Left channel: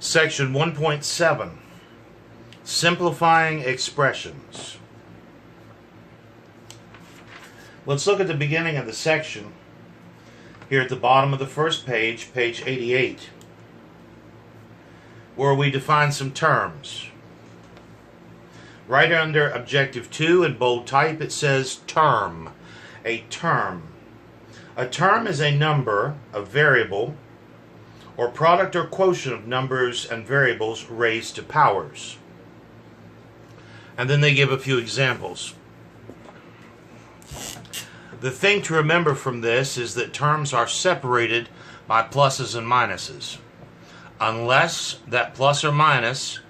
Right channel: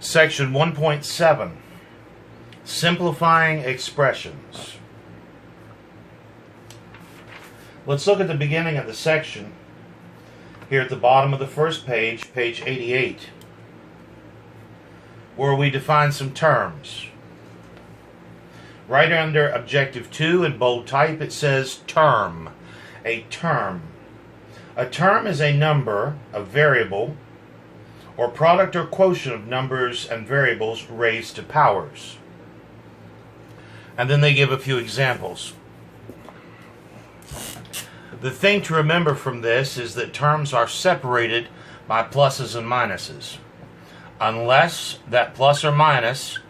Section 1.7, Simplifying Expressions. Let's look at the beginning of the section here at the bottom of the first page, page 88, where we define some terms. Right under Objective 2 in bold type it says term. A term. A term is a number, a variable, or product or quotient of numbers and variables raised to powers. And then they give a few examples. The thing to remember from this is that terms are separated by pluses and minuses, unless that plus or minus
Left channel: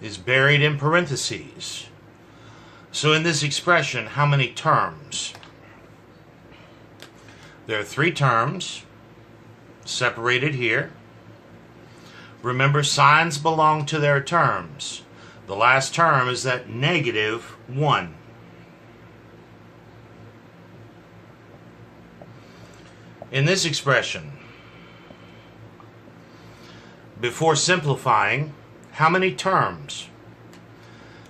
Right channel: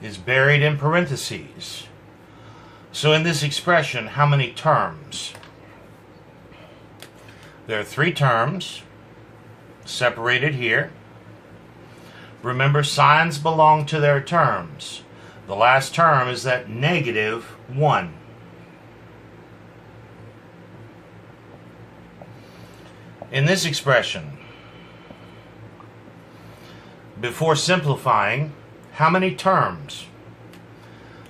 is buried in parentheses. So in this expression, how many terms? There are 3 terms separated here. Remember, signs belong to their terms. The last term is that -1. In this expression, before simplifying, how many terms?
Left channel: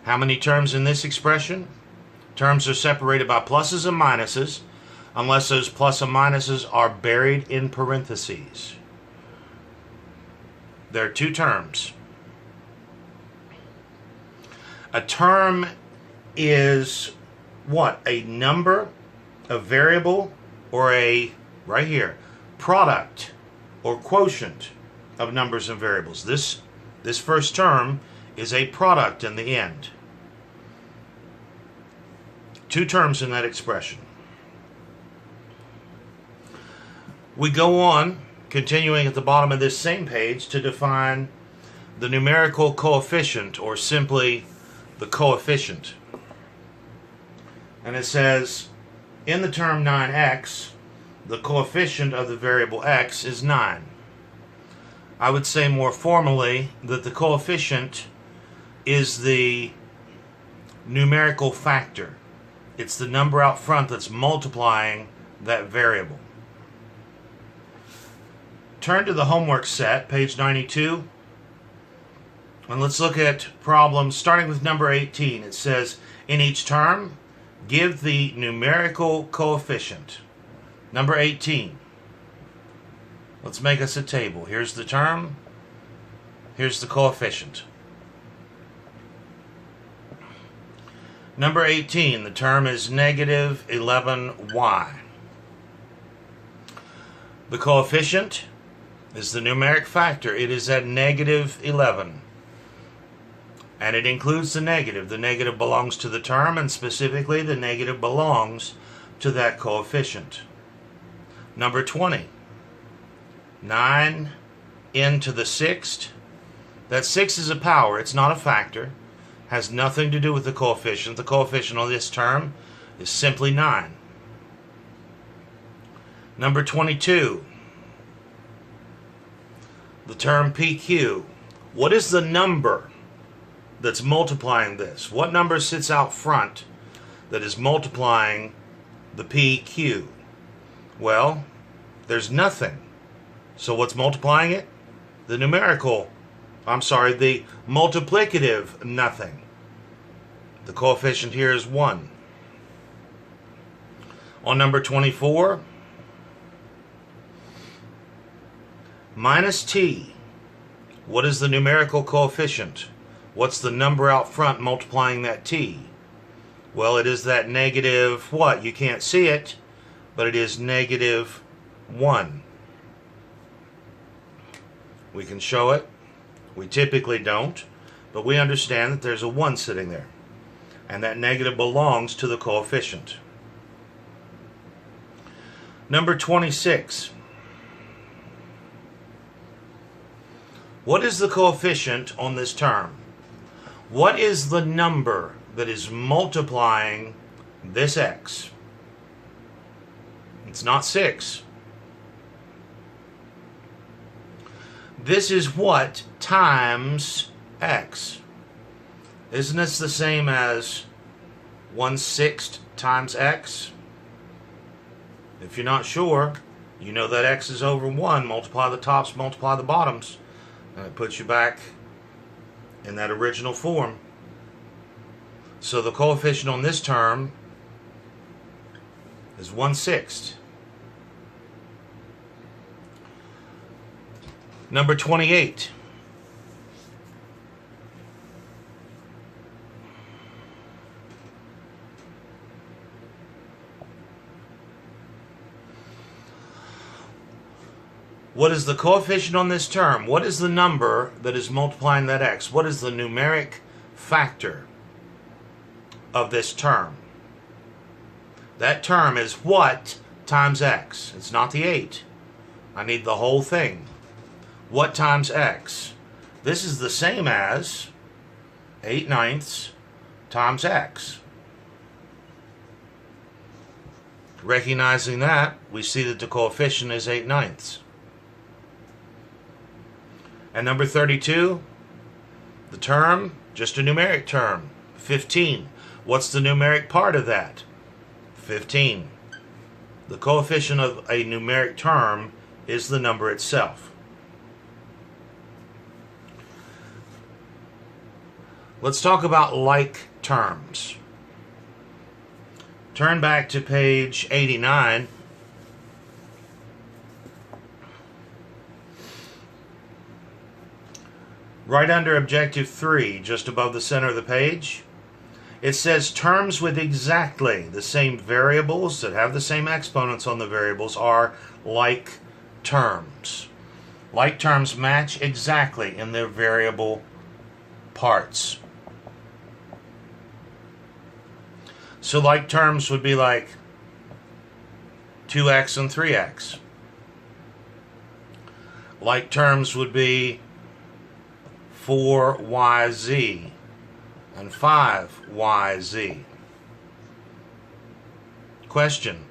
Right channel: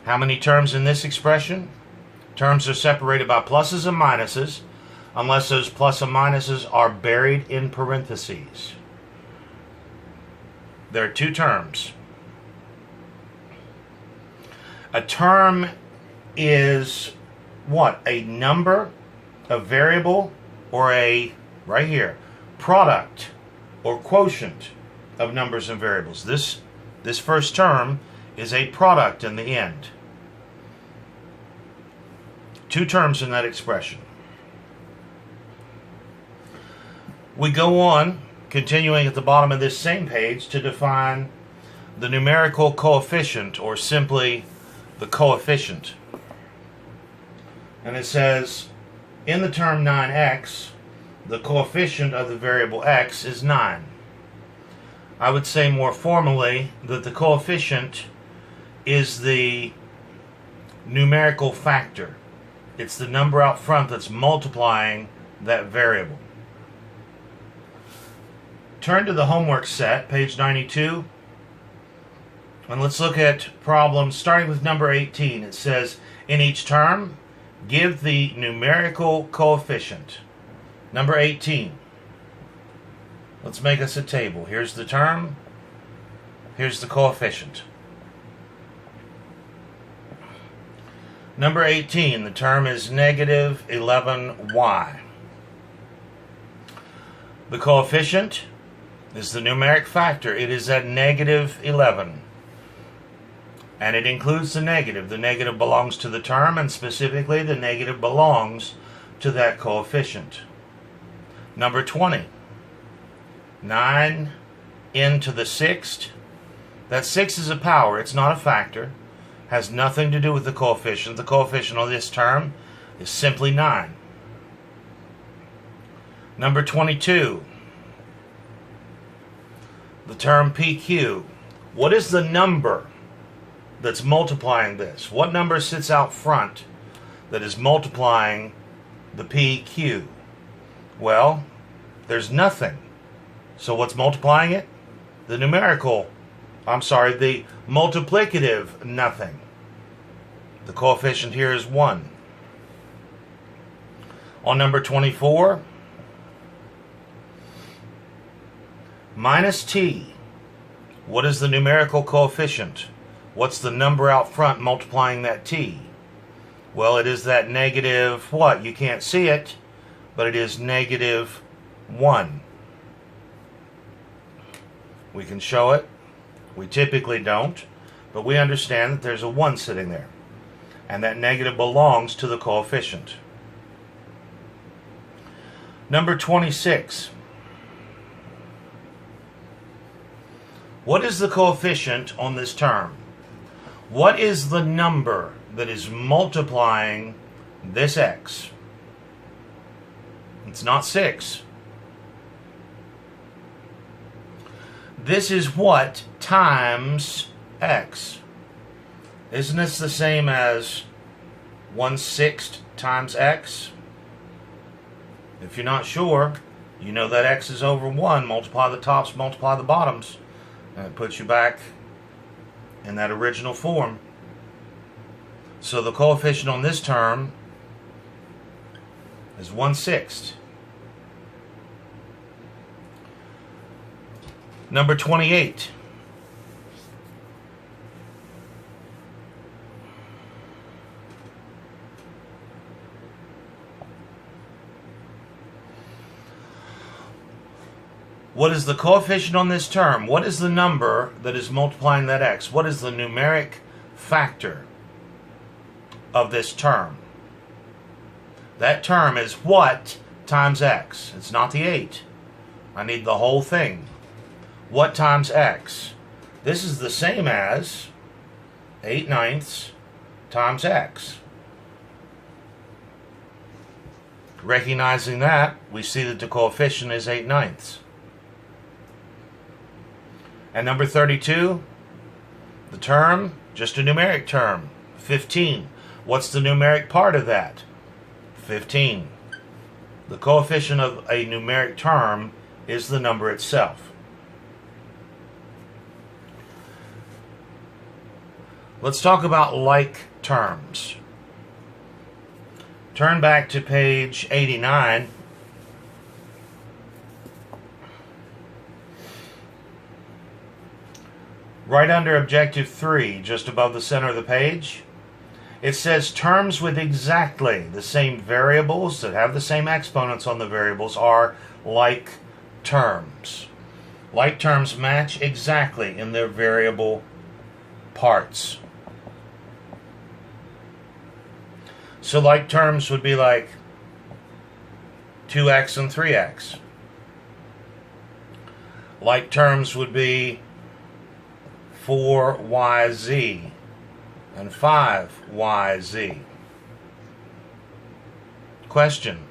How many terms in this expression? Terms are separated by pluses and minuses, unless those plus and minuses are buried in parentheses. There are 2 terms. A term is what? A number, a variable, or a, right here, product or quotient of numbers and variables. This first term is a product in the end. 2 terms in that expression. We go on, continuing at the bottom of this same page, to define the numerical coefficient, or simply the coefficient. And it says, in the term 9x, the coefficient of the variable x is 9. I would say more formally that the coefficient is the numerical factor. It's the number out front that's multiplying that variable. Turn to the homework set, page 92, and let's look at problems starting with number 18. It says, in each term, give the numerical coefficient. Number 18. Let's make us a table. Here's the term. Here's the coefficient. Number 18, the term is -11y. The coefficient is the numeric factor. It is at -11. And it includes the negative. The negative belongs to the term, and specifically the negative belongs to that coefficient. Number 20. 9 into the 6th. That 6 is a power. It's not a factor. Has nothing to do with the coefficient. The coefficient of this term is simply 9. Number 22. The term PQ. What is the number that's multiplying this? What number sits out front that is multiplying the PQ? Well, there's nothing. So what's multiplying it? The multiplicative nothing. The coefficient here is 1. On number 24, minus t. What is the numerical coefficient? What's the number out front multiplying that t? Well, it is that negative what? You can't see it, but it is -1. We can show it. We typically don't, but we understand that there's a 1 sitting there, and that negative belongs to the coefficient. Number 26. What is the coefficient on this term? What is the number that is multiplying this x? It's not 6. This is what times x. Isn't this the same as 1/6 times x? If you're not sure, you know that x is over 1. Multiply the tops, multiply the bottoms. And it puts you back in that original form. So the coefficient on this term is 1/6. Number 28. What is the coefficient on this term? What is the number that is multiplying that x? What is the numeric factor of this term? That term is what times x? It's not the 8. I need the whole thing. What times x? This is the same as 8/9 times x. Recognizing that, we see that the coefficient is 8/9. And number 32, the term, just a numeric term, 15. What's the numeric part of that? 15. The coefficient of a numeric term is the number itself. Let's talk about like terms. Turn back to page 89. Right under Objective 3, just above the center of the page, it says terms with exactly the same variables that have the same exponents on the variables are like terms. Like terms match exactly in their variable parts. So like terms would be like 2x and 3x. Like terms would be 4yz and 5yz. Question:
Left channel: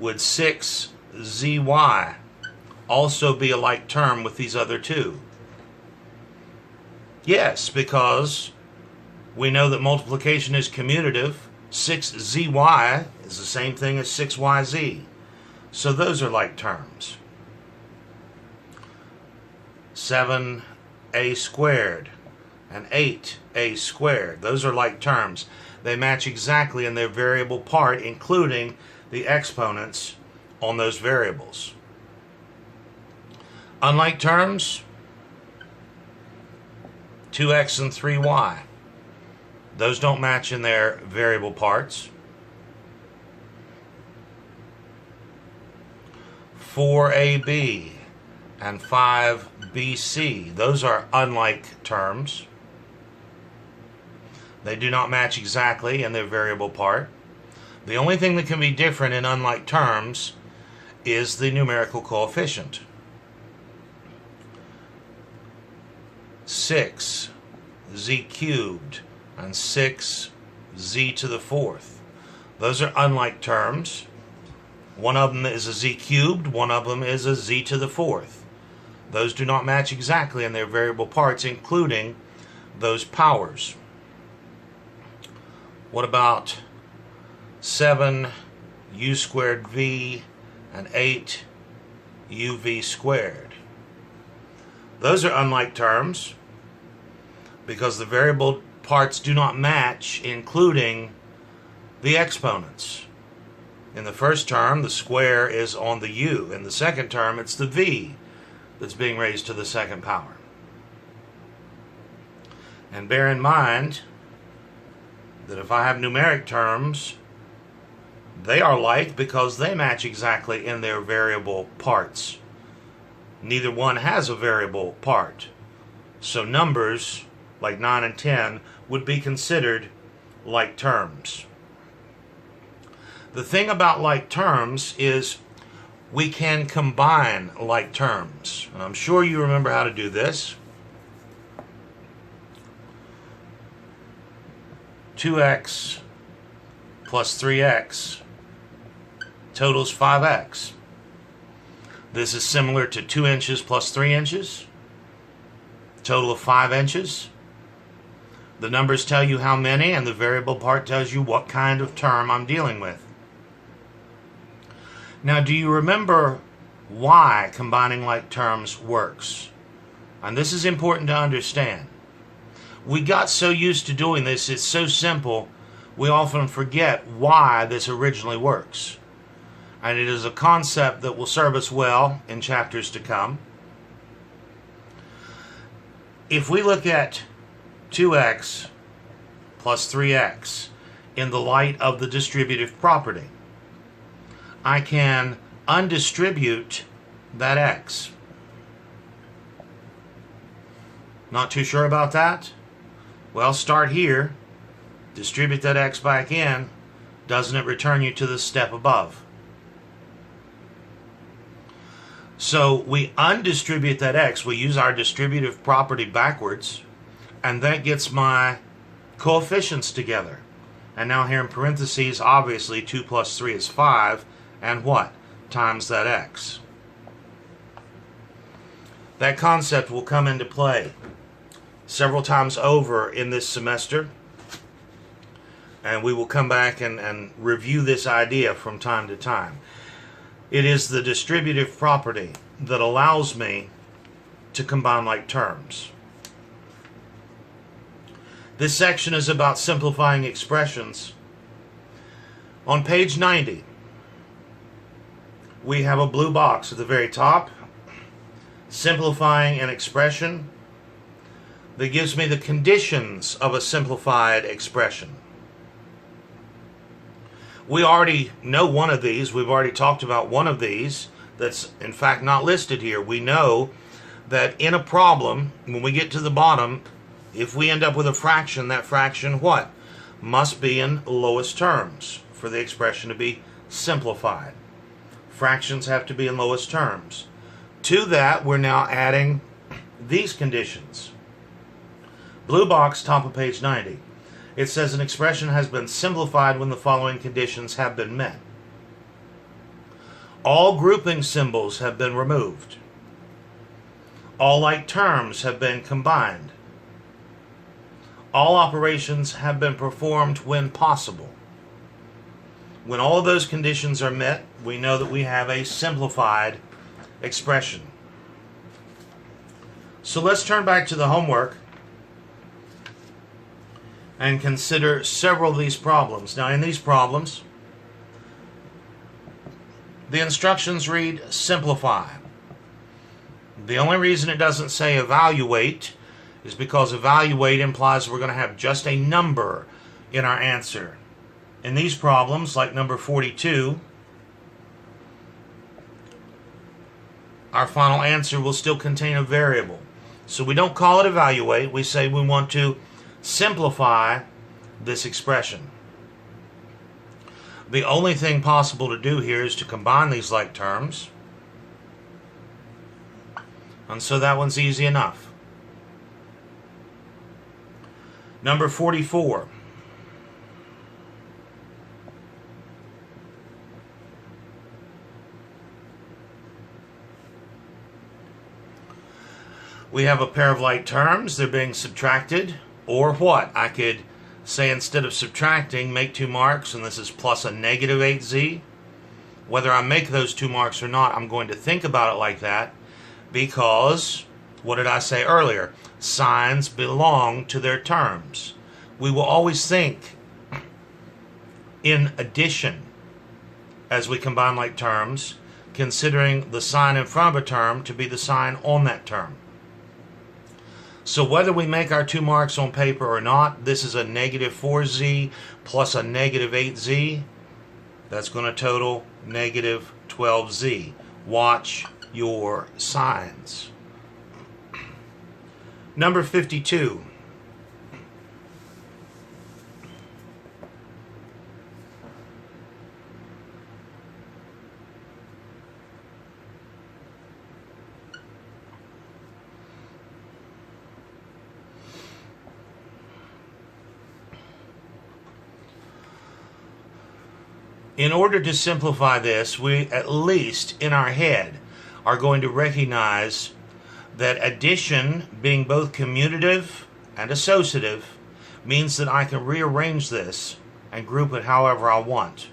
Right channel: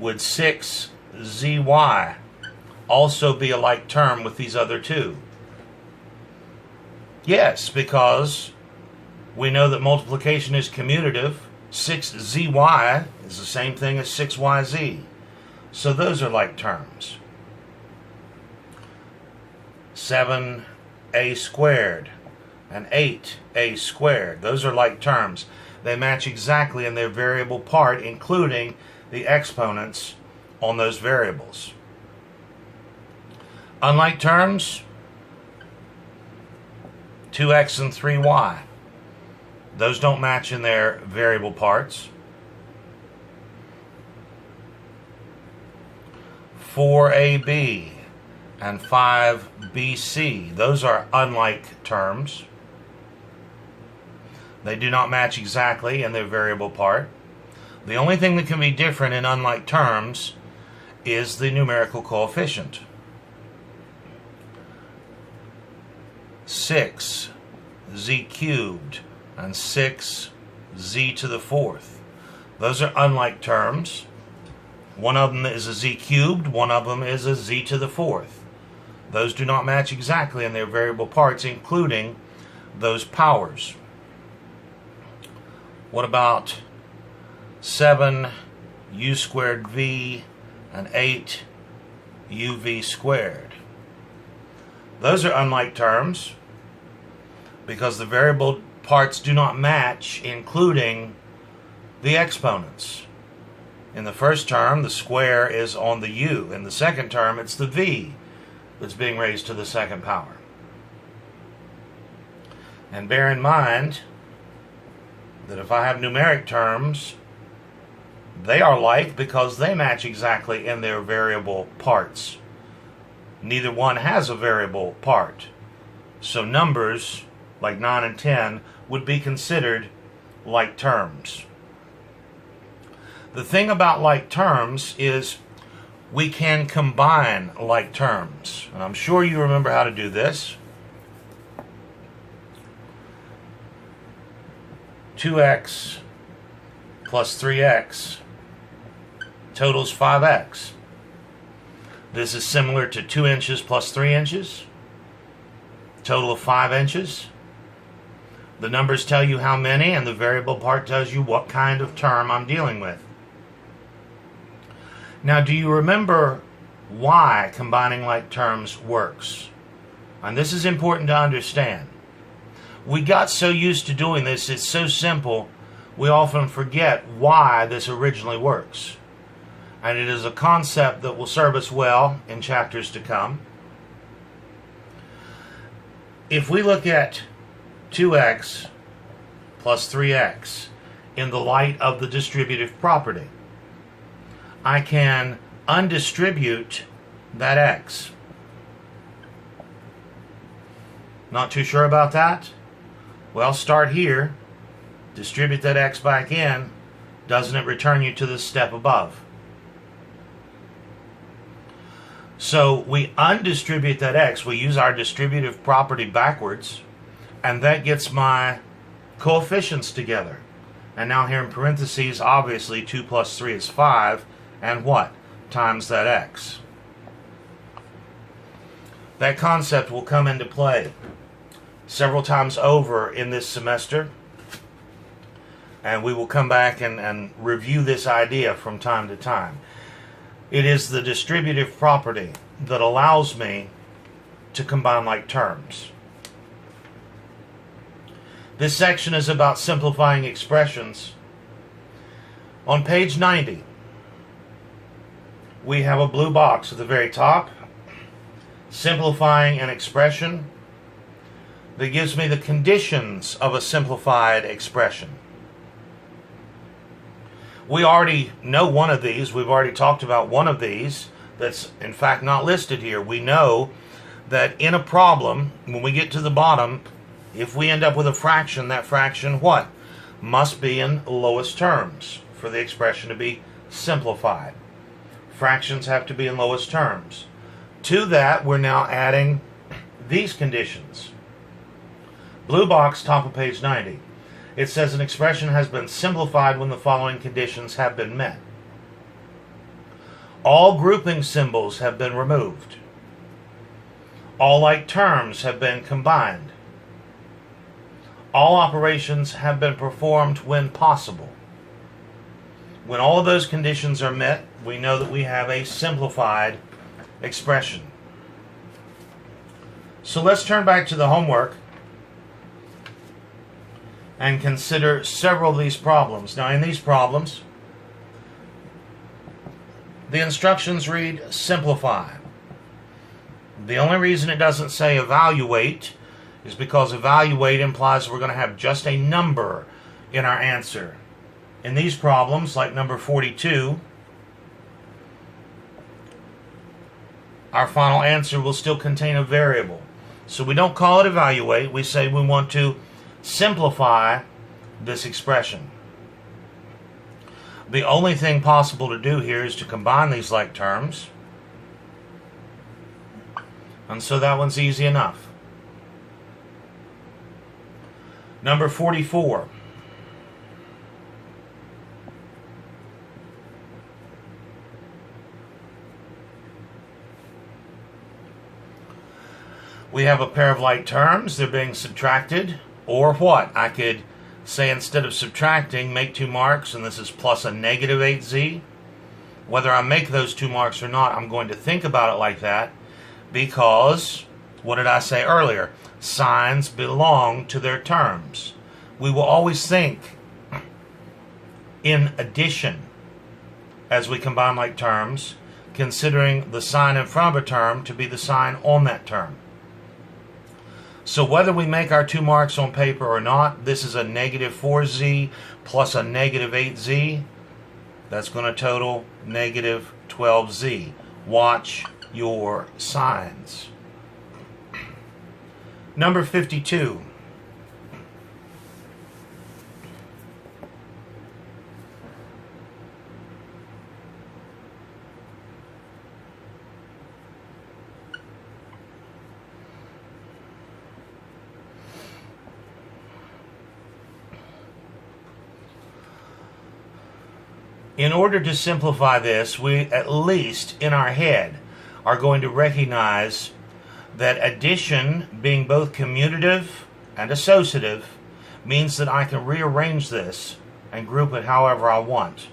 would 6zy also be a like term with these other two? Yes, because we know that multiplication is commutative. 6zy is the same thing as 6yz. So those are like terms. 7a squared and 8a squared. Those are like terms. They match exactly in their variable part, including the exponents on those variables. Unlike terms, 2x and 3y. Those don't match in their variable parts. 4ab and 5bc. Those are unlike terms. They do not match exactly in their variable part. The only thing that can be different in unlike terms is the numerical coefficient. 6z cubed and 6z to the fourth. Those are unlike terms. One of them is a z cubed, one of them is a z to the fourth. Those do not match exactly in their variable parts, including those powers. What about 7u squared v and 8uv squared? Those are unlike terms because the variable parts do not match, including the exponents. In the first term, the square is on the u. In the second term, it's the v that's being raised to the second power. And bear in mind that if I have numeric terms, they are like because they match exactly in their variable parts. Neither one has a variable part. So numbers like 9 and 10 would be considered like terms. The thing about like terms is we can combine like terms. And I'm sure you remember how to do this. 2x plus 3x totals 5x. This is similar to 2 inches plus 3 inches, total of 5 inches. The numbers tell you how many, and the variable part tells you what kind of term I'm dealing with. Now, do you remember why combining like terms works? And this is important to understand. We got so used to doing this, it's so simple, we often forget why this originally works. And it is a concept that will serve us well in chapters to come. If we look at 2x plus 3x in the light of the distributive property, I can undistribute that x. Not too sure about that? Well, start here, distribute that x back in. Doesn't it return you to the step above? So we undistribute that x, we use our distributive property backwards, and that gets my coefficients together. And now here in parentheses, obviously 2 plus 3 is 5, and what? Times that x. That concept will come into play several times over in this semester, and we will come back and review this idea from time to time. It is the distributive property that allows me to combine like terms. This section is about simplifying expressions. On page 90, we have a blue box at the very top, simplifying an expression, that gives me the conditions of a simplified expression. We already know one of these. We've already talked about one of these that's in fact not listed here. We know that in a problem, when we get to the bottom, if we end up with a fraction, that fraction what? Must be in lowest terms for the expression to be simplified. Fractions have to be in lowest terms. To that, we're now adding these conditions. Blue box, top of page 90. It says an expression has been simplified when the following conditions have been met. All grouping symbols have been removed. All like terms have been combined. All operations have been performed when possible. When all of those conditions are met, we know that we have a simplified expression. So let's turn back to the homework and consider several of these problems. Now, in these problems, the instructions read simplify. The only reason it doesn't say evaluate is because evaluate implies we're going to have just a number in our answer. In these problems, like number 42, our final answer will still contain a variable. So we don't call it evaluate, we say we want to simplify this expression. The only thing possible to do here is to combine these like terms. And so that one's easy enough. Number 44. We have a pair of like terms. They're being subtracted. Or what? I could say instead of subtracting, make 2 marks, and this is plus a negative 8z. Whether I make those 2 marks or not, I'm going to think about it like that because, what did I say earlier? Signs belong to their terms. We will always think in addition as we combine like terms, considering the sign in front of a term to be the sign on that term. So whether we make our 2 marks on paper or not, this is a negative 4z plus a negative 8z. That's going to total negative 12z. Watch your signs. Number 52. In order to simplify this, we, at least in our head, are going to recognize that addition, being both commutative and associative, means that I can rearrange this and group it however I want.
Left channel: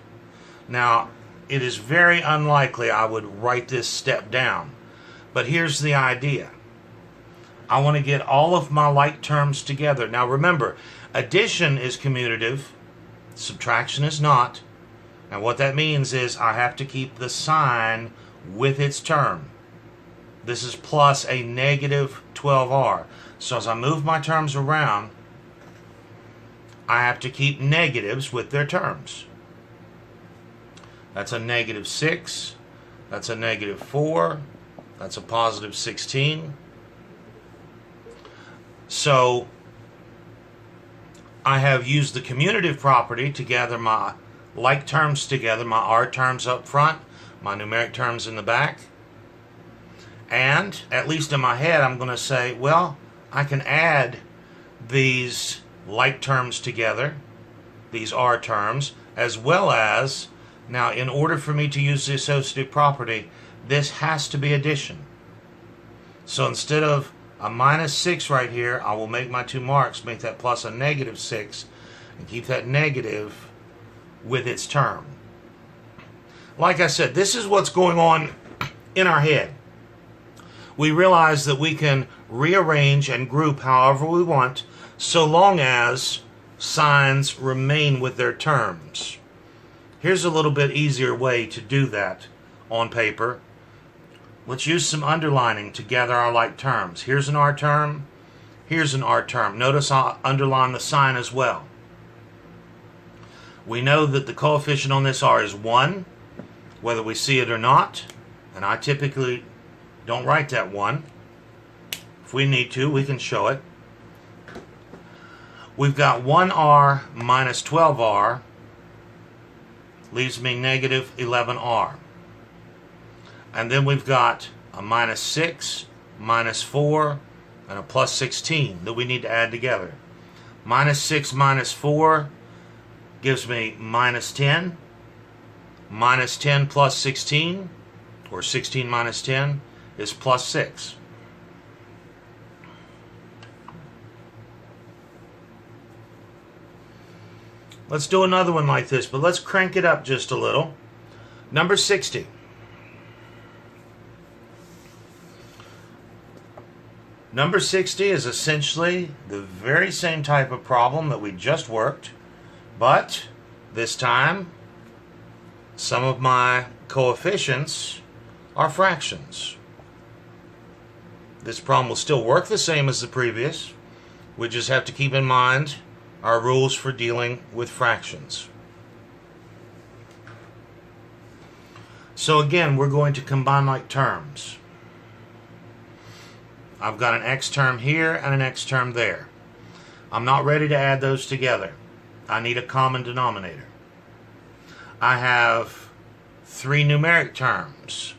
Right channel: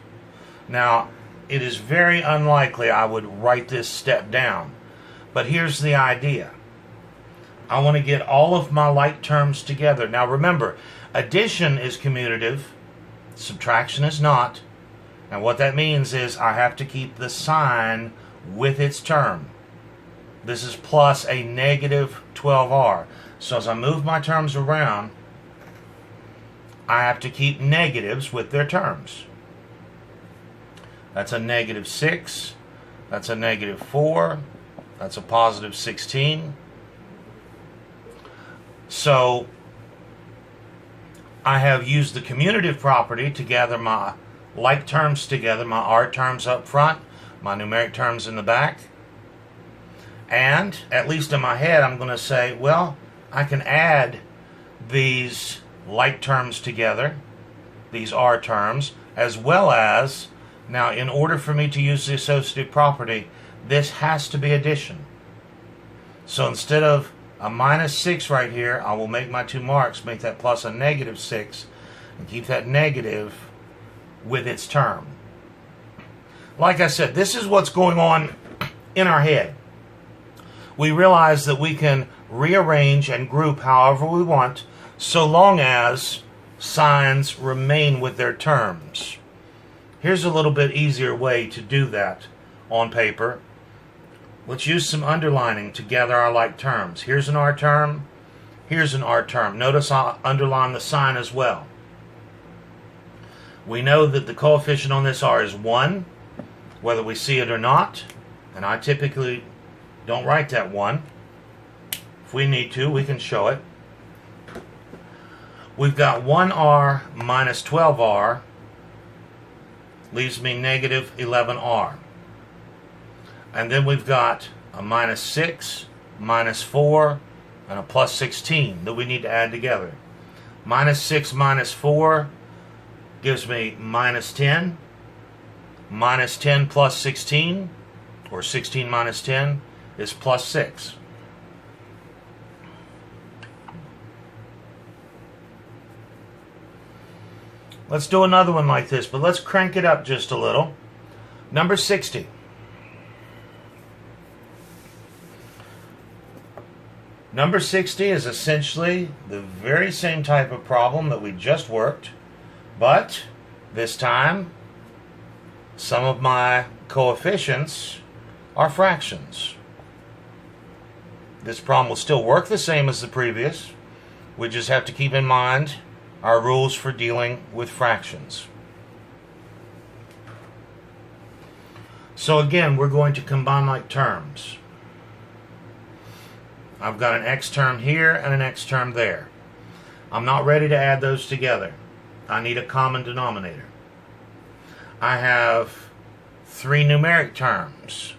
Now, it is very unlikely I would write this step down, but here's the idea. I want to get all of my like terms together. Now remember, addition is commutative, subtraction is not. And what that means is I have to keep the sign with its term. This is plus a negative 12r. So as I move my terms around, I have to keep negatives with their terms. That's a negative 6. That's a negative 4. That's a positive 16. So I have used the commutative property to gather my like terms together, my R terms up front, my numeric terms in the back. And, at least in my head, I'm going to say, well, I can add these like terms together, these R terms, as well as, now in order for me to use the associative property, this has to be addition. So instead of a minus 6 right here, I will make my two marks, make that plus a negative 6, and keep that negative with its term. Like I said, this is what's going on in our head. We realize that we can rearrange and group however we want, so long as signs remain with their terms. Here's a little bit easier way to do that on paper. Let's use some underlining to gather our like terms. Here's an R term. Here's an R term. Notice I'll underline the sign as well. We know that the coefficient on this R is 1, whether we see it or not. And I typically don't write that 1. If we need to, we can show it. We've got 1R minus 12R leaves me negative 11R. And then we've got a minus 6, minus 4, and a plus 16 that we need to add together. Minus 6 minus 4 gives me minus 10. Minus 10 plus 16, or 16 minus 10, is plus 6. Let's do another one like this, but let's crank it up just a little. Number 60. Number 60 is essentially the very same type of problem that we just worked, but this time some of my coefficients are fractions. This problem will still work the same as the previous. We just have to keep in mind our rules for dealing with fractions. So again, we're going to combine like terms. I've got an x term here and an x term there. I'm not ready to add those together. I need a common denominator. I have 3 numeric terms,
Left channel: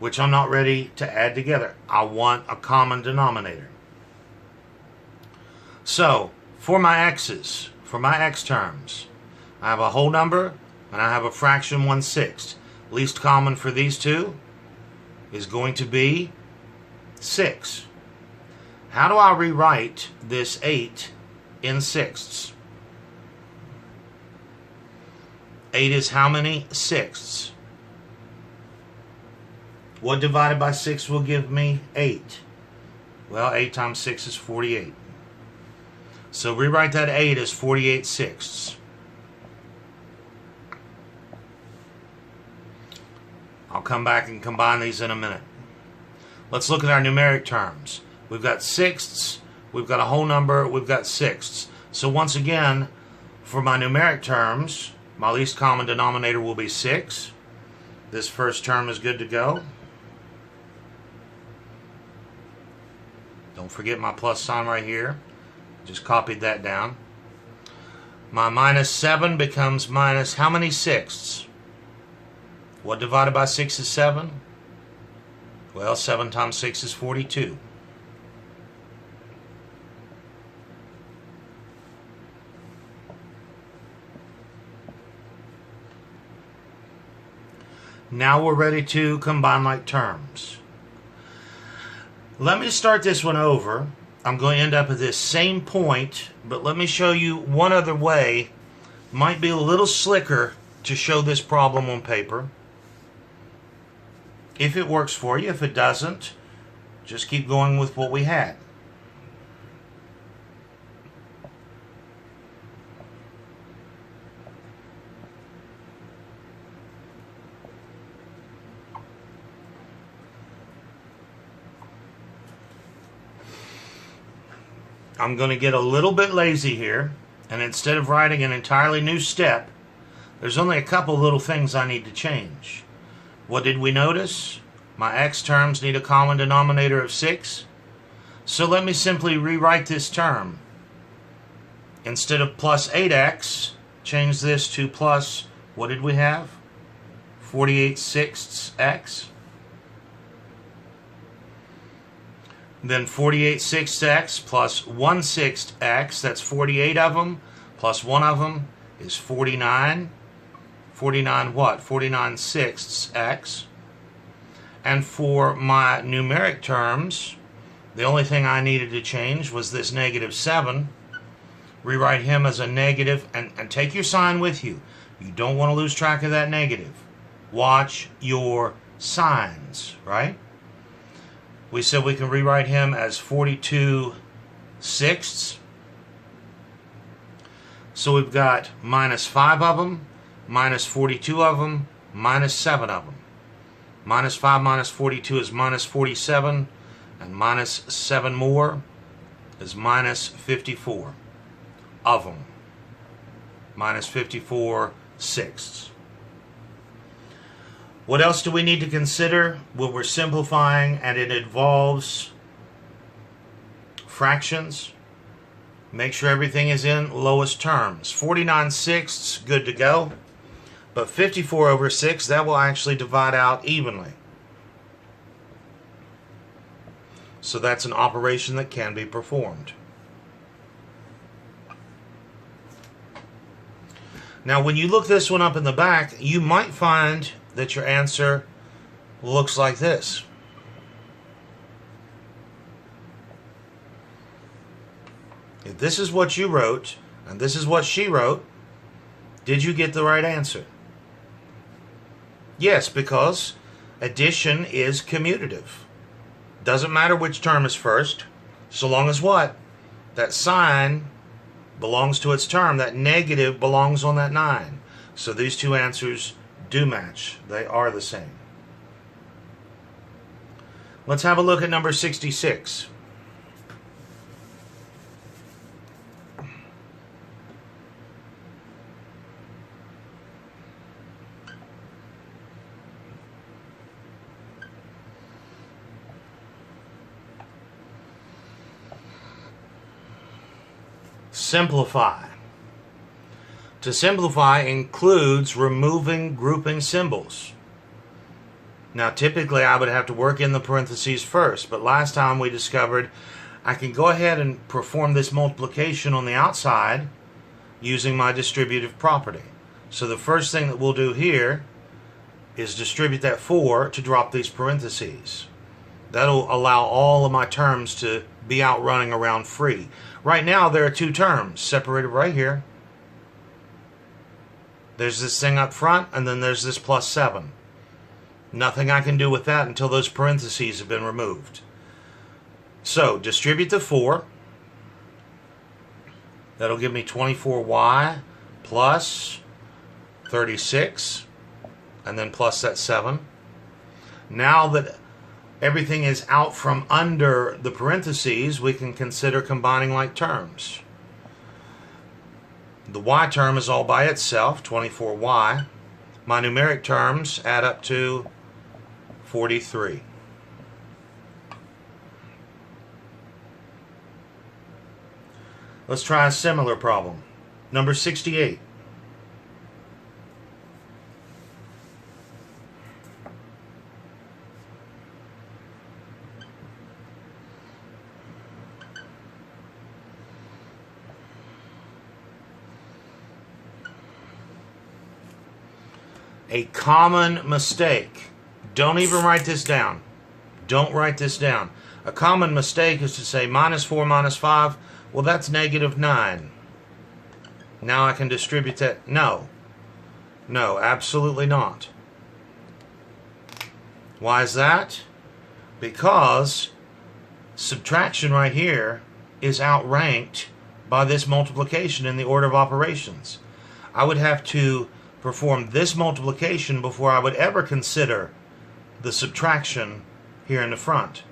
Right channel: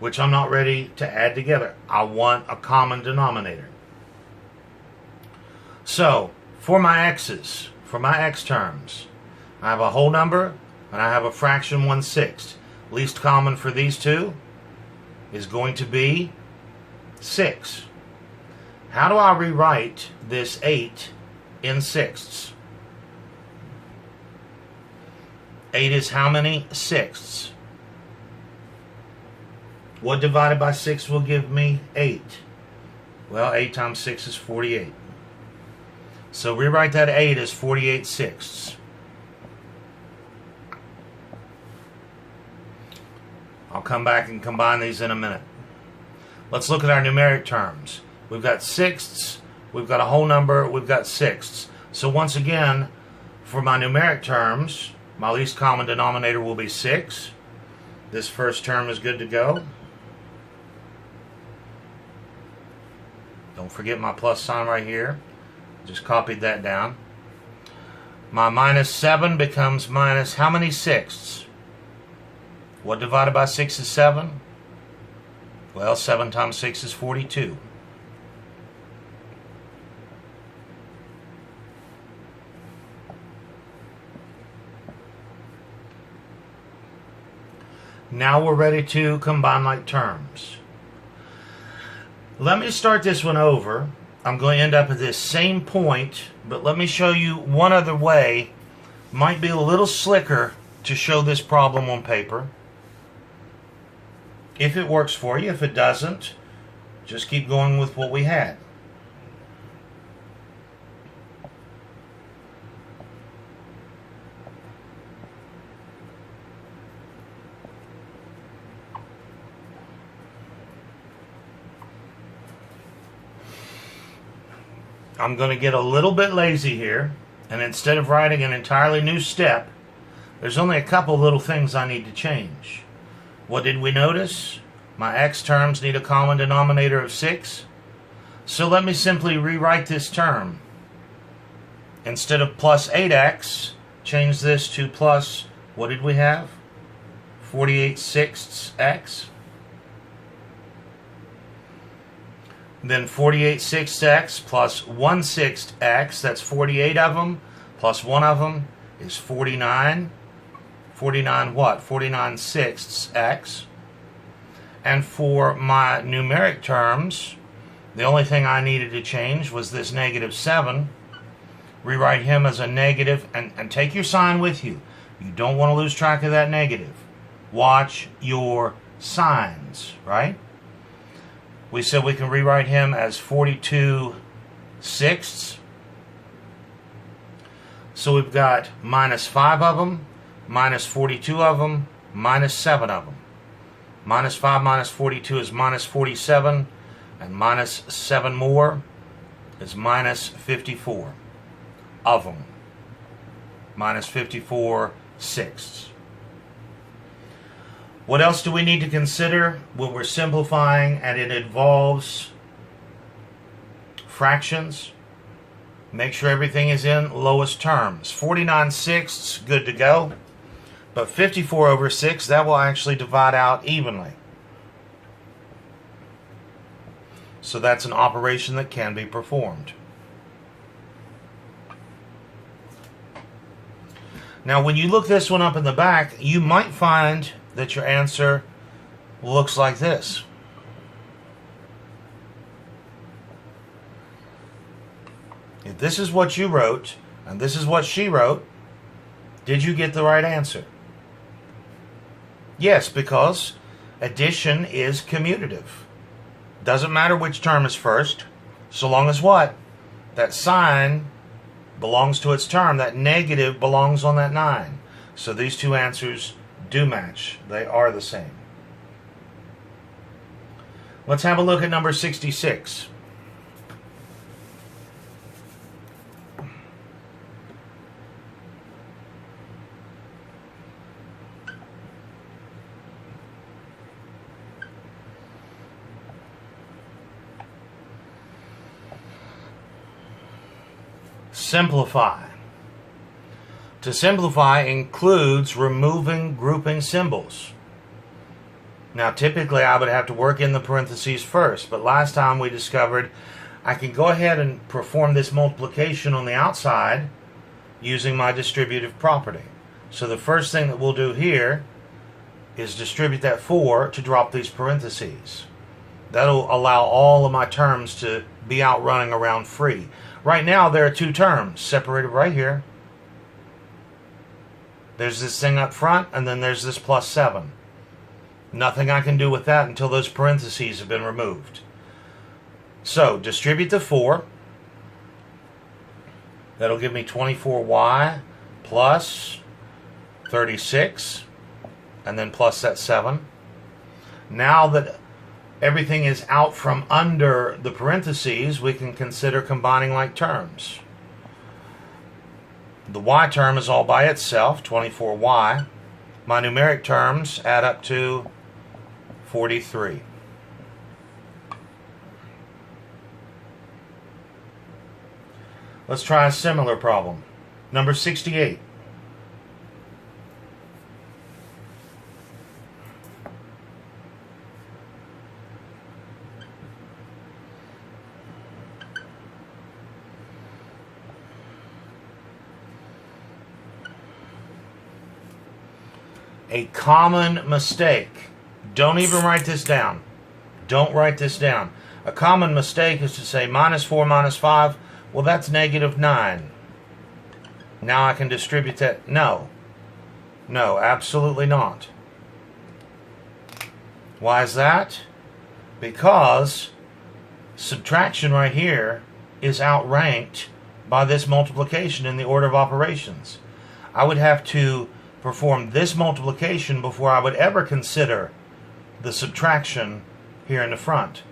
which I'm not ready to add together. I want a common denominator. So, for my x's, for my x terms, I have a whole number and I have a fraction 1/6. Least common for these two is going to be 6. How do I rewrite this 8 in sixths? 8 is how many sixths? What divided by 6 will give me 8? Well, 8 times 6 is 48. So rewrite that 8 as 48 sixths. I'll come back and combine these in a minute. Let's look at our numeric terms. We've got sixths, we've got a whole number, we've got sixths. So once again, for my numeric terms, my least common denominator will be 6. This first term is good to go. Don't forget my plus sign right here. Just copied that down. My minus 7 becomes minus how many sixths? What divided by 6 is 7? Well, 7 times 6 is 42. Now we're ready to combine like terms. Let me start this one over. I'm going to end up at this same point, but let me show you one other way. Might be a little slicker to show this problem on paper. If it works for you, if it doesn't, Just keep going with what we had. I'm going to get a little bit lazy here, and instead of writing an entirely new step, there's only a couple little things I need to change. What did we notice? My x terms need a common denominator of 6. So let me simply rewrite this term. Instead of plus 8x, change this to plus, what did we have? 48/6 x. Then 48/6 x plus 1/6 x, that's 48 of them, plus 1 of them is 49. 49 what? 49/6 x. And for my numeric terms, the only thing I needed to change was this -7. Rewrite him as a negative, and take your sign with you. You don't want to lose track of that negative. Watch your signs, right? We said we can rewrite him as 42/6. So we've got -5 of them, -42 of them, -7 of them. -5 minus 42 is -47, and -7 more is -54 of them. -54/6. What else do we need to consider when we're simplifying and it involves fractions? Make sure everything is in lowest terms. 49/6, good to go. But 54/6, that will actually divide out evenly. So that's an operation that can be performed. Now when you look this one up in the back, you might find that your answer looks like this. If this is what you wrote, and this is what she wrote, did you get the right answer? Yes, because addition is commutative. Doesn't matter which term is first, so long as what? That sign belongs to its term. That negative belongs on that 9. So these two answers do match. They are the same. Let's have a look at number 66. Simplify. To simplify includes removing grouping symbols. Now typically I would have to work in the parentheses first, but last time we discovered I can go ahead and perform this multiplication on the outside using my distributive property. So the first thing that we'll do here is distribute that 4 to drop these parentheses. That'll allow all of my terms to be out running around free. Right now there are 2 terms separated right here. There's this thing up front, and then there's this +7. Nothing I can do with that until those parentheses have been removed. So distribute the 4. That'll give me 24y plus 36, and then plus that 7. Now that everything is out from under the parentheses, we can consider combining like terms. The y term is all by itself, 24y. My numeric terms add up to 43. Let's try a similar problem. Number 68. A common mistake. Don't even write this down. Don't write this down. A common mistake is to say -4 minus 5. Well, that's -9. Now I can distribute that. No. No, absolutely not. Why is that? Because subtraction right here is outranked by this multiplication in the order of operations. I would have to perform this multiplication before I would ever consider the subtraction here in the front.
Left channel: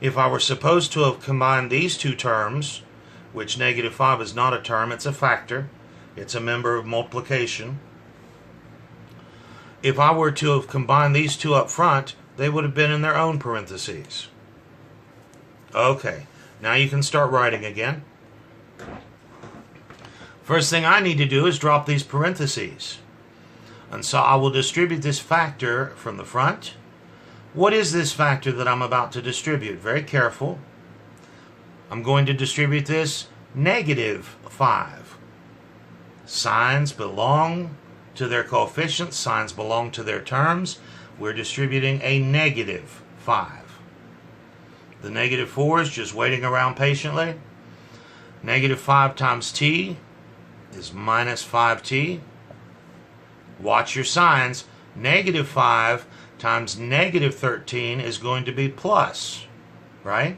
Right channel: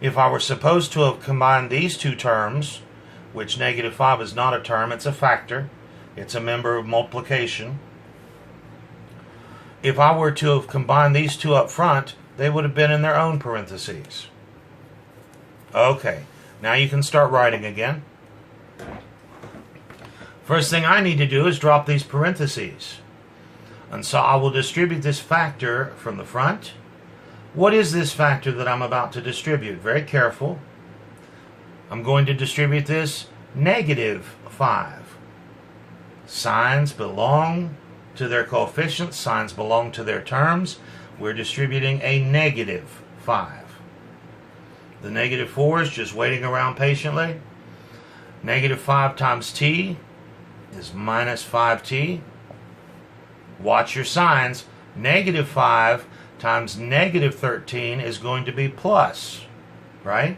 If I were supposed to have combined these two terms, which negative 5 is not a term, it's a factor, it's a member of multiplication. If I were to have combined these two up front, they would have been in their own parentheses. Okay, now you can start writing again. First thing I need to do is drop these parentheses. And so I will distribute this factor from the front. What is this factor that I'm about to distribute? Very careful. I'm going to distribute this negative 5. Signs belong to their coefficients. Signs belong to their terms. We're distributing a negative 5. The negative 4 is just waiting around patiently. Negative 5 times t is minus 5t. Watch your signs. Negative 5 times negative 13 is going to be plus, right?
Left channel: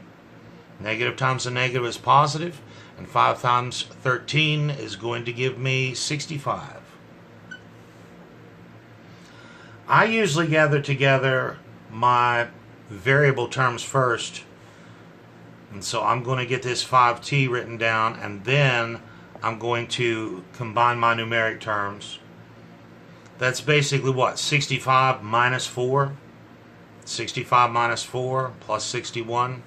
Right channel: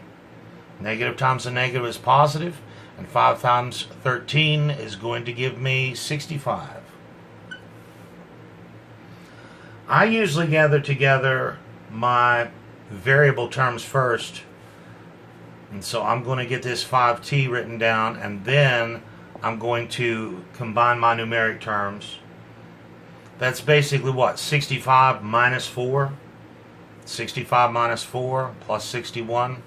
Negative times a negative is positive, and 5 times 13 is going to give me 65. I usually gather together my variable terms first, and so I'm going to get this 5t written down, and then I'm going to combine my numeric terms. That's basically what? 65 minus 4. 65 minus 4 plus 61.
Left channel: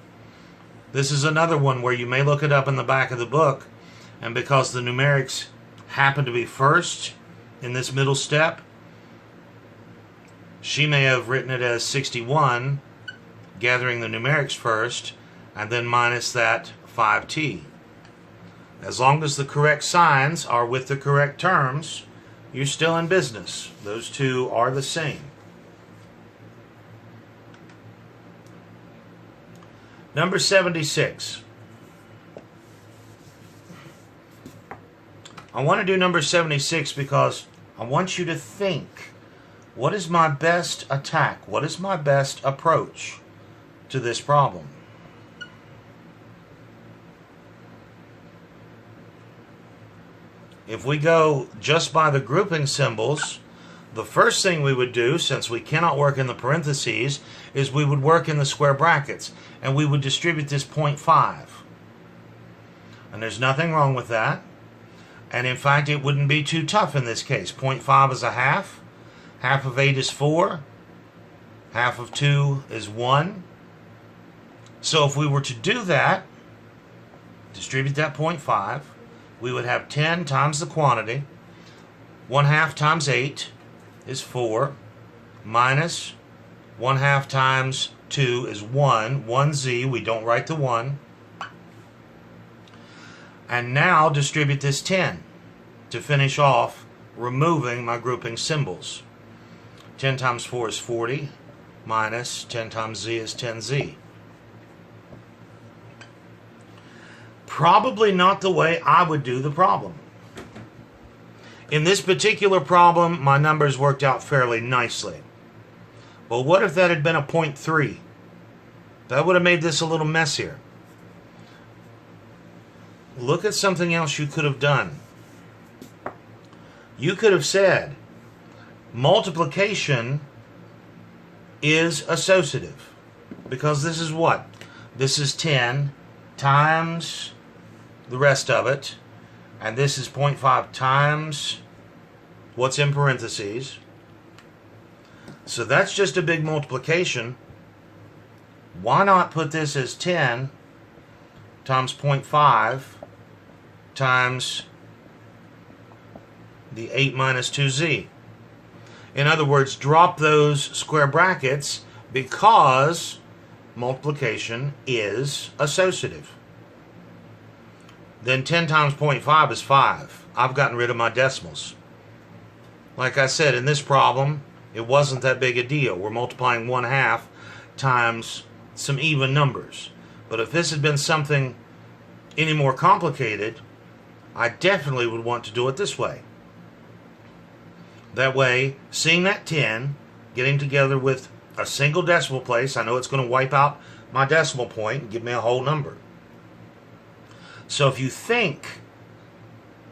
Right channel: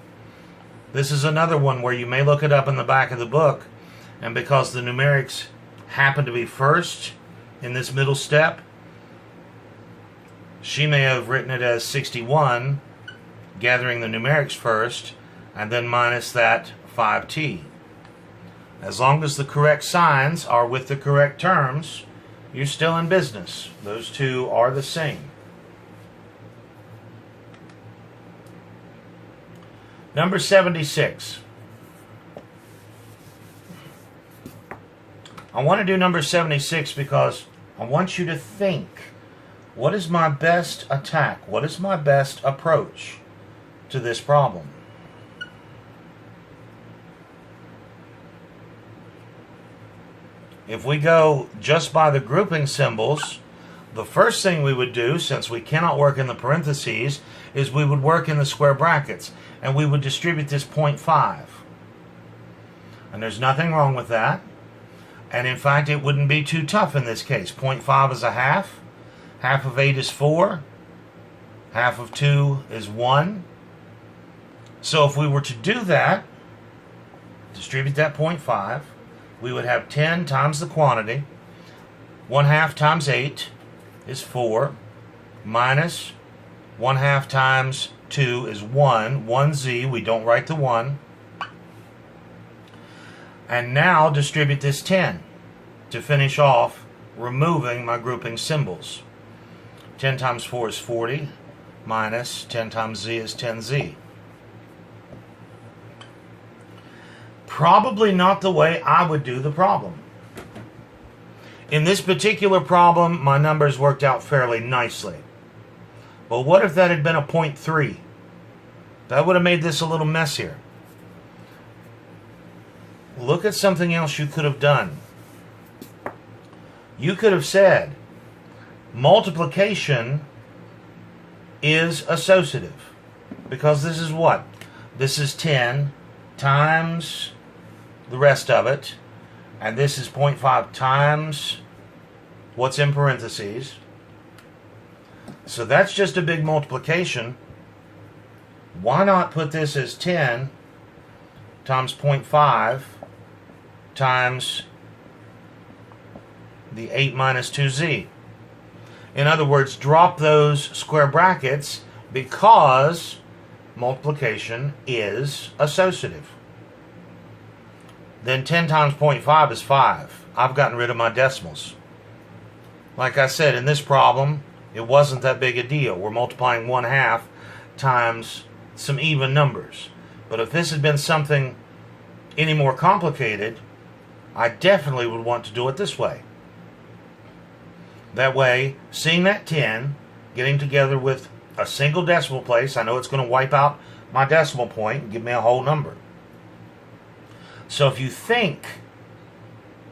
This is another one where you may look it up in the back of the book, and because the numerics happen to be first in this middle step, she may have written it as 61, gathering the numerics first, and then minus that 5t. As long as the correct signs are with the correct terms, you're still in business. Those two are the same. Number 76. I want to do number 76 because I want you to think, what is my best attack? What is my best approach to this problem? If we go just by the grouping symbols, the first thing we would do, since we cannot work in the parentheses, is we would work in the square brackets, and we would distribute this 0.5. And there's nothing wrong with that. And in fact, it wouldn't be too tough in this case. 0.5 is a half. Half of 8 is 4. Half of 2 is 1. So if we were to do that, distribute that 0.5, we would have 10 times the quantity. 1/2 times 8 is 4. Minus 1/2 times 2 is 1. 1z, we don't write the 1. And now distribute this 10 to finish off removing my grouping symbols. 10 times 4 is 40. Minus 10 times z is 10z. Probably not the way I would do the problem. In this particular problem, my numbers worked out fairly nicely. But what if that had been a 0.3? That would have made this a little messier. Look at something else you could have done. You could have said, multiplication is associative. Because this is what? This is 10 times the rest of it, and this is 0.5 times what's in parentheses. So that's just a big multiplication. Why not put this as 10 times 0.5 times the 8 minus 2z? In other words, drop those square brackets because multiplication is associative. Then 10 times 0.5 is 5. I've gotten rid of my decimals. Like I said, in this problem, it wasn't that big a deal. We're multiplying 1/2 times some even numbers. But if this had been something any more complicated, I definitely would want to do it this way. That way, seeing that 10, getting together with a single decimal place, I know it's going to wipe out my decimal point and give me a whole number. So if you think,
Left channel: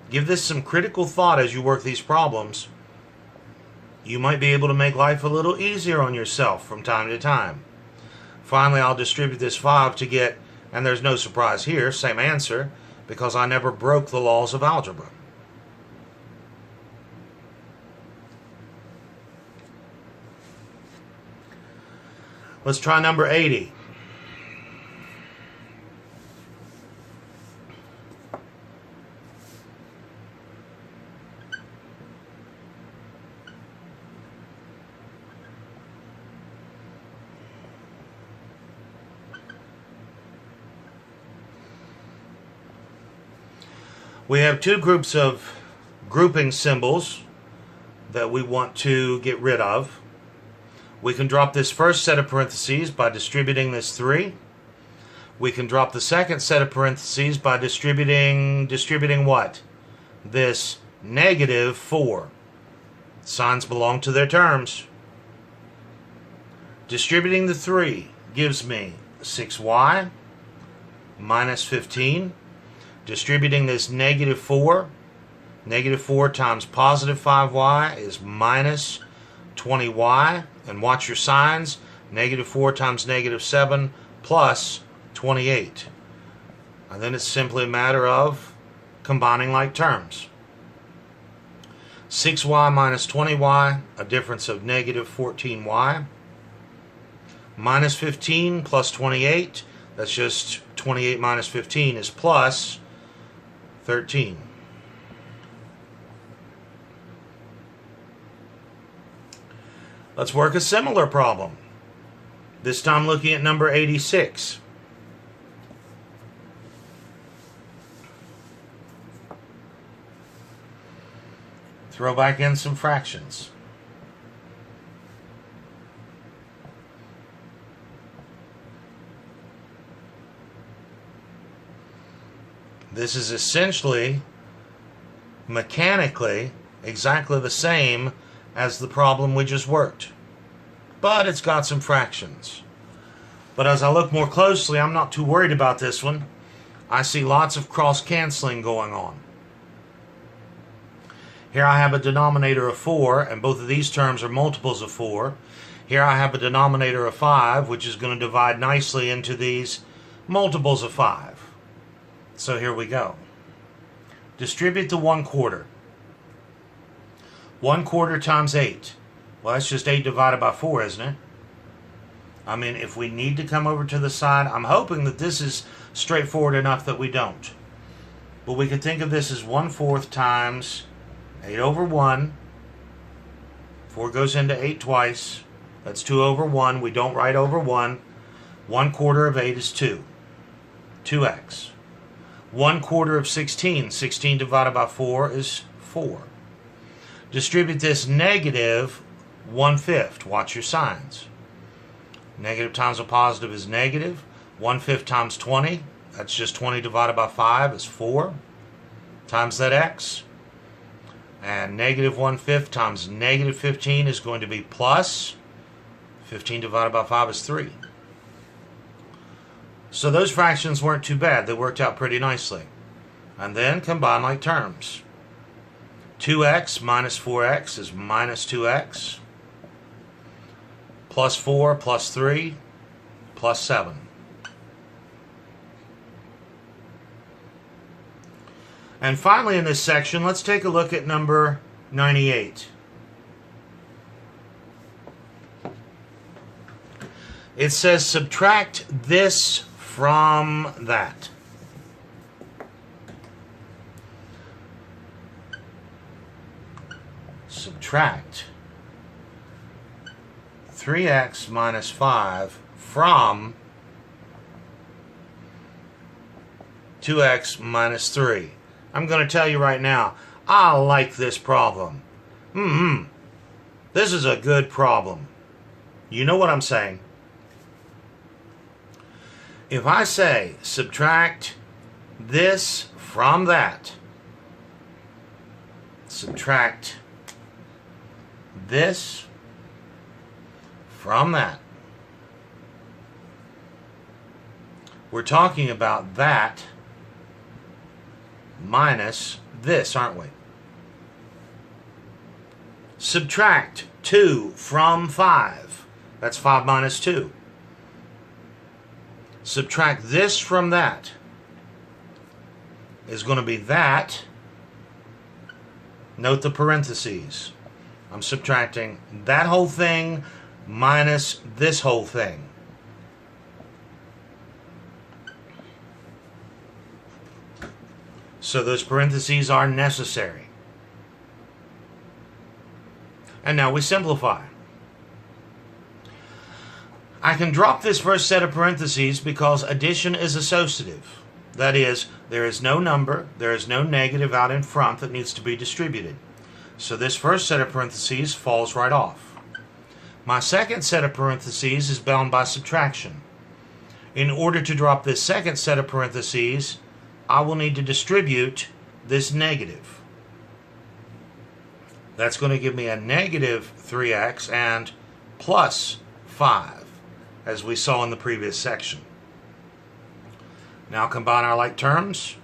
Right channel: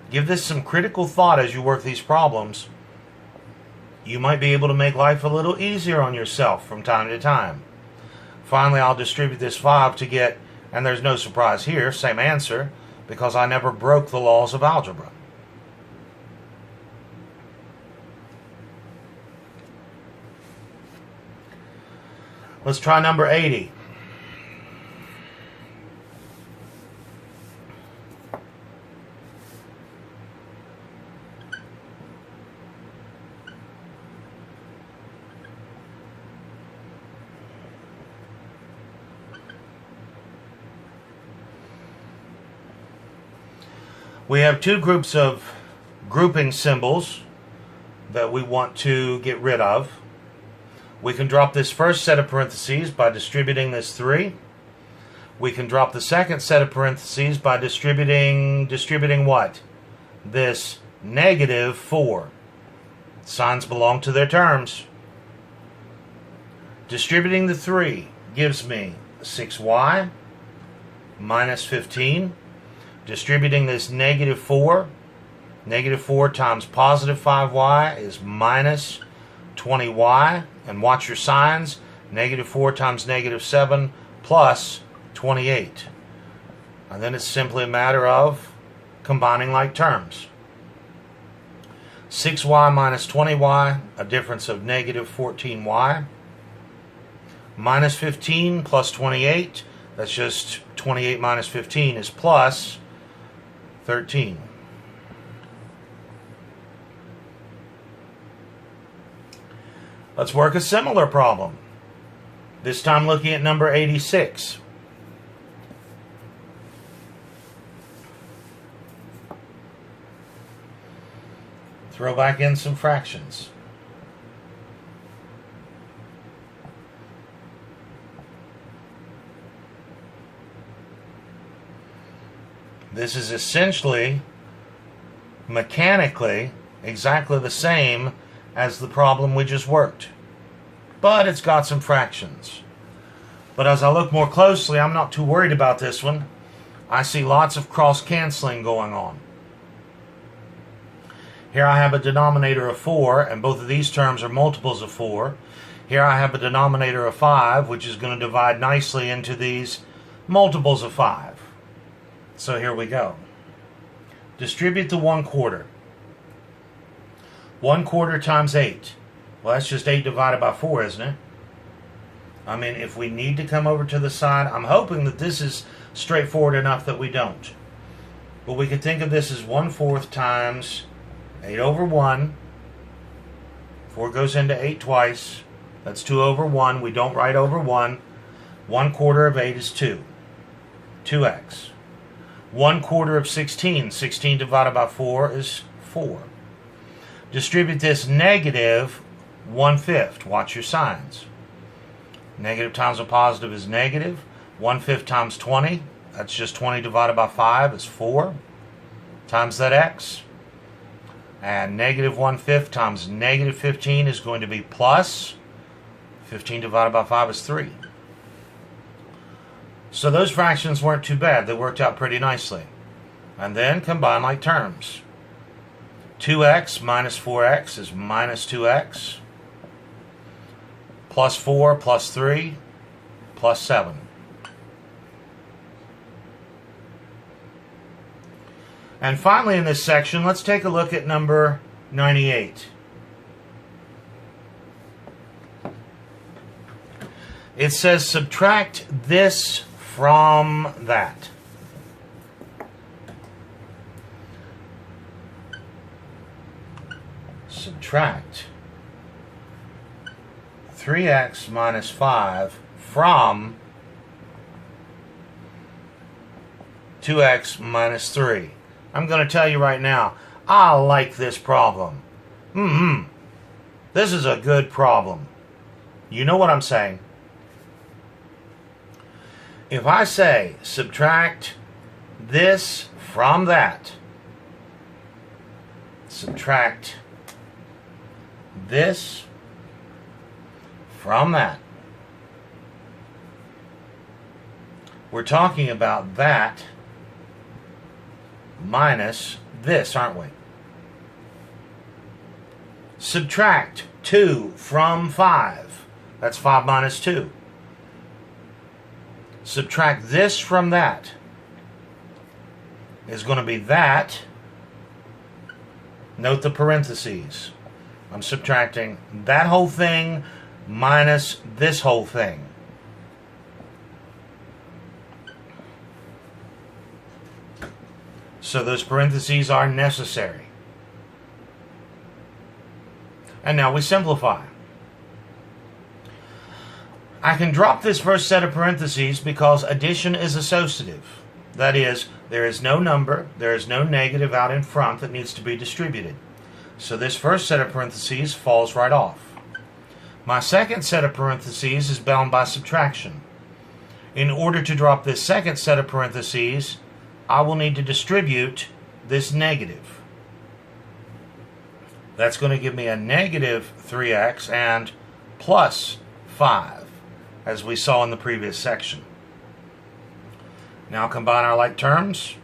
give this some critical thought as you work these problems, you might be able to make life a little easier on yourself from time to time. Finally, I'll distribute this 5 to get, and there's no surprise here, same answer, because I never broke the laws of algebra. Let's try number 80. We have two groups of grouping symbols that we want to get rid of. We can drop this first set of parentheses by distributing this 3. We can drop the second set of parentheses by distributing what? This negative 4. Signs belong to their terms. Distributing the 3 gives me 6y minus 15. Distributing this negative 4 times positive 5y is minus 20y. And watch your signs. Negative 4 times negative 7 plus 28. And then it's simply a matter of combining like terms. 6y minus 20y, a difference of negative 14y. Minus 15 plus 28, that's just 28 minus 15 is plus 13. Let's work a similar problem. This time looking at number 86. Throw back in some fractions. This is essentially, mechanically, exactly the same as the problem we just worked. But it's got some fractions. But as I look more closely, I'm not too worried about this one. I see lots of cross-canceling going on. Here I have a denominator of 4, and both of these terms are multiples of 4. Here I have a denominator of 5, which is going to divide nicely into these multiples of 5. So here we go. Distribute the 1/4. 1/4 times 8. Well, that's just 8 divided by 4, isn't it? I mean, if we need to come over to the side, I'm hoping that this is straightforward enough that we don't. But we could think of this as 1/4 times 8 over 1. 4 goes into 8 twice. That's 2 over 1. We don't write over 1. 1/4 of 8 is 2. 2x. 1/4 of 16. 16 divided by 4 is 4. Distribute this negative 1/5. Watch your signs. Negative times a positive is negative. 1/5 times 20. That's just 20 divided by 5 is 4. Times that x. And negative 1/5 times negative 15 is going to be plus 15 divided by 5 is 3. So those fractions weren't too bad. They worked out pretty nicely. And then combine like terms. 2x minus 4x is minus 2x. Plus 4 plus 3 plus 7. And finally in this section, let's take a look at number 98. It says subtract this from that. Subtract 3x minus 5 from 2x minus 3. I'm going to tell you right now, I like this problem. This is a good problem. You know what I'm saying? If I say subtract this from that, subtract this from that, We're talking about that minus this, aren't we? Subtract 2 from 5. That's 5 minus 2. Subtract this from that is going to be that. Note the parentheses. I'm subtracting that whole thing minus this whole thing. So those parentheses are necessary. And now we simplify. I can drop this first set of parentheses because addition is associative. That is, there is no number, there is no negative out in front that needs to be distributed. So this first set of parentheses falls right off. My second set of parentheses is bound by subtraction. In order to drop this second set of parentheses, I will need to distribute this negative. That's going to give me a negative 3x and plus 5, as we saw in the previous section. Now combine our like terms.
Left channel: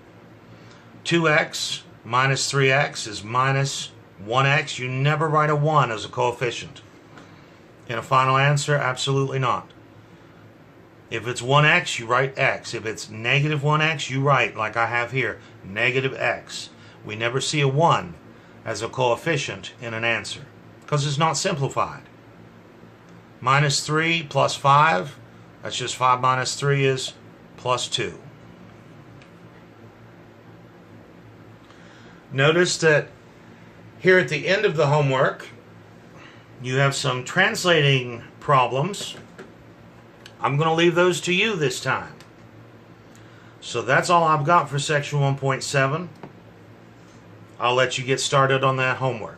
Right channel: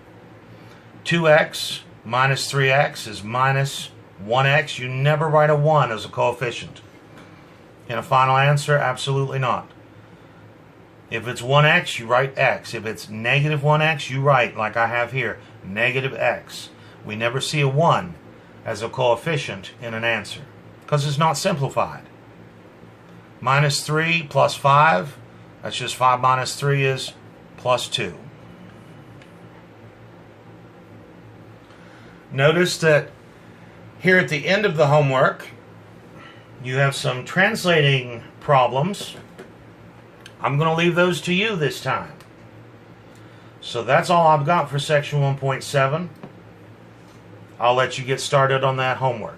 2x minus 3x is minus 1x. You never write a 1 as a coefficient. In a final answer, absolutely not. If it's 1x, you write x. If it's negative 1x, you write, like I have here, negative x. We never see a 1 as a coefficient in an answer because it's not simplified. Minus 3 plus 5, that's just 5 minus 3 is plus 2. Notice that here at the end of the homework, you have some translating problems. I'm going to leave those to you this time. So that's all I've got for section 1.7. I'll let you get started on that homework.